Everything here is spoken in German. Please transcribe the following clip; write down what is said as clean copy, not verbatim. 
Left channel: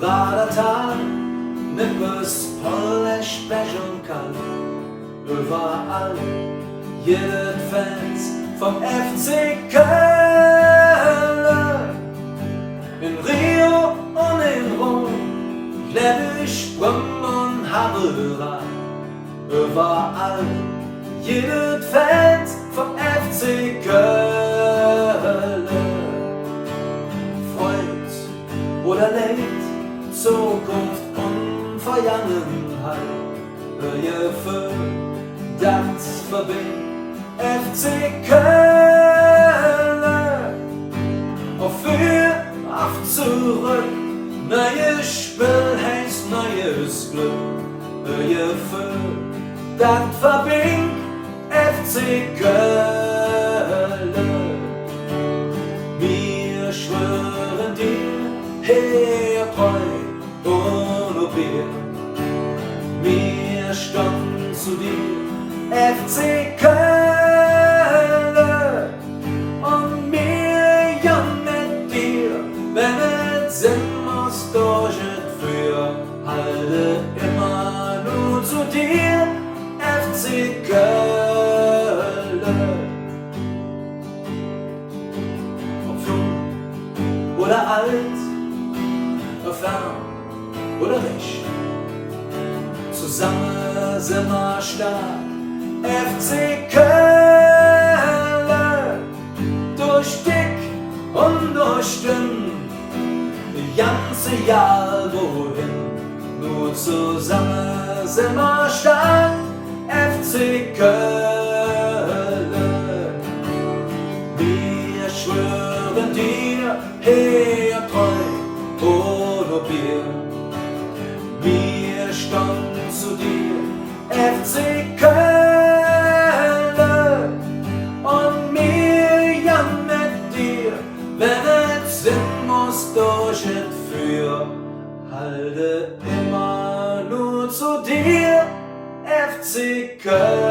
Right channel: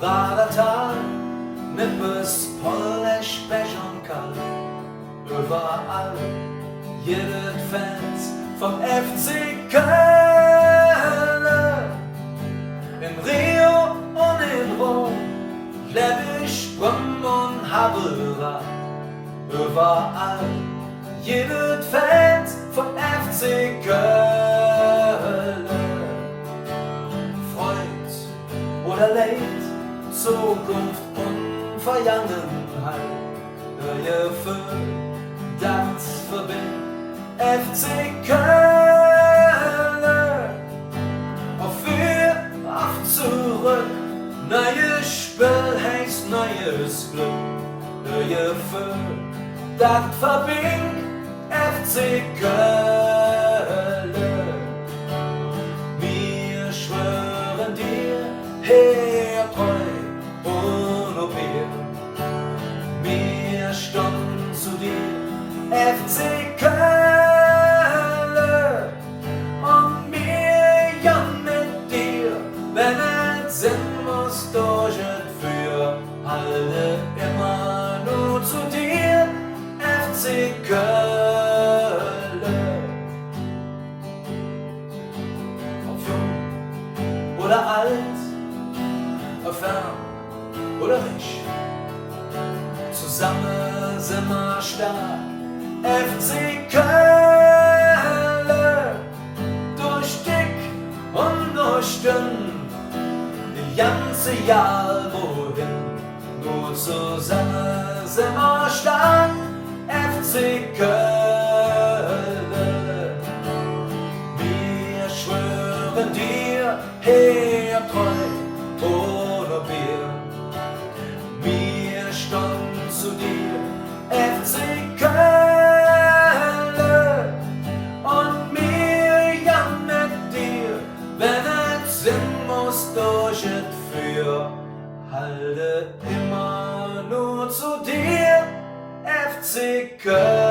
Radertal, Nippes, Polish, Pech und Kall. Überall, jede Fans vom FC Köln. In Rio und in Rom, Ledig, Brüm und Haberer. Überall, jede Fans vom FC Köln. Freud oder Leid, Zukunft und Vergangenheit. Gefühl, das verbindet FC Köln. Auf für, auf zurück, neues Spiel heißt neues Glück. Gefühl, das verbindet FC Köln. Wir schwören dir, her treu und ob wir standen zu dir, FC Köln, und wir ja mit dir, wenn es sein muss, durch et für, halte immer nur zu dir, FC Köln. Ob jung oder alt, fern oder reich, zusammen sind wir stark, FC Köln. Durch dick und durch dünn, die ganze Jahr wohin, nur zusammen sind wir stark, FC Köln. Wir schwören dir, her treu oder Bier. Wir standen zu dir, FC Köln, und wir ja mit dir, wenn es sein muss, durch et für, halte immer nur zu dir, FC Köln.